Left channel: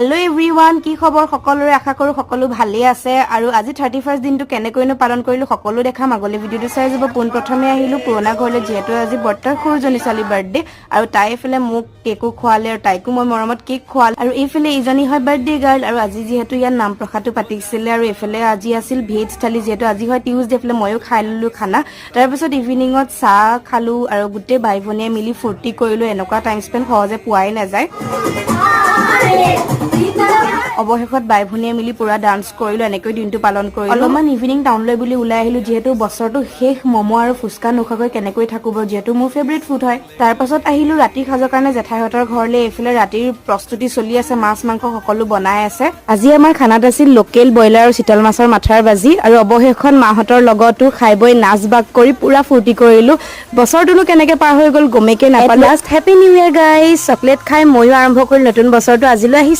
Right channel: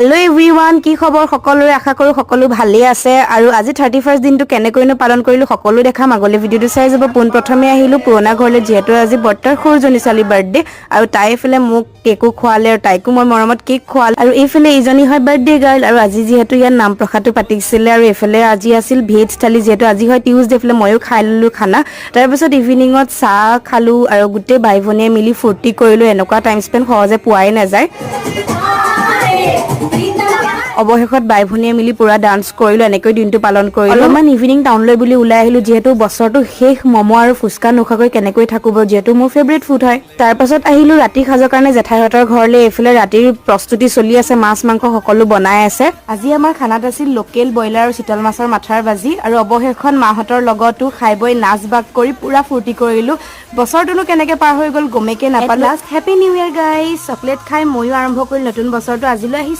Hello' everyone, কি খবৰ সকলোৰে? আশা কৰোঁ সকলো ভালেই আছে। আৰু আজি 31st দিনটো কেনেকৈনো পালন কৰিলোঁ সকলো দেখাম। আগলৈ ভিডিঅ'টো চাই যাব। পোনপ্ৰথমে আহিলোঁ পুৰণা ঘৰলৈ, যিহেতু আজি বৰ্তাৰ সৰুজনী ছোৱালীৰ বাৰ্থডে আৰু তাই এইফালে মোক কেকো খোৱালে আৰু তাইকো মই মৰমত কেক খোৱাল। আৰু এইফালে এইজনী হয় বাৰ্থডে গাৰ্ল। আৰু আজি যিহেতু ইয়াত নাম প্ৰসাদটো পাতিছিলে আৰু এইফালে আজি আছিল ভেজ থালি, যিহেতু আজি হয় টিউজডে। এইফালে ময়ো খাই ল'লোঁ খানা। তাৰপিছত ইভিনিঙত চাহ খালোঁ আৰু গোটেই বাই ভনীয়ে মিলি ফূৰ্তি কৰিলোঁ। এনেকুৱা টাইম স্পেণ্ড সহজে পোৱাই নাযায়। অৱশেষত বাই ভনীয়ে মিলি পুৰা ডান্স কৰিলোঁ, এনেকৈ দিনটো পালন কৰিলোঁ। অলপমান ইভিনিং টাউনলৈ বুলি ওলাই আহিলোঁ, যিহেতু বছৰটো শেষ, ম'ম' আৰু ফুচকা নোখোৱাকৈ কেনেকৈ থাকোঁ বাৰু, যিহেতু মোৰ ফেভৰেট ফুড হয়। তাৰপাছত আহিলোঁ ৰাতিৰ সাজৰ কাৰণে জেঠাইহঁতৰ ঘৰলৈ। এইফালে ৰাতিৰ প্ৰস্তুতি চলি আছে, মাছ মাংস সকলো বনাই আছে। আজি আমাৰ খানাত আছিল লোকেল ব্ৰইলাৰ আৰু চিতল মাছৰ মাথাৰ ভাজি। আৰু অৱশেষত মাহঁতৰ লগতো খাই বৈ নাচ বাগ কৰি পুৰা ফূৰ্তি কৰিলোঁ। বছৰটোনো কেনেকৈ পাৰ হৈ গ'ল গমেকে নাপালোঁ। Last happy new year guys. Chocolate খাই ময়ো আৰম্ভ কৰিলোঁ নতুন বছৰটো। আজিলৈ আহিছোঁ।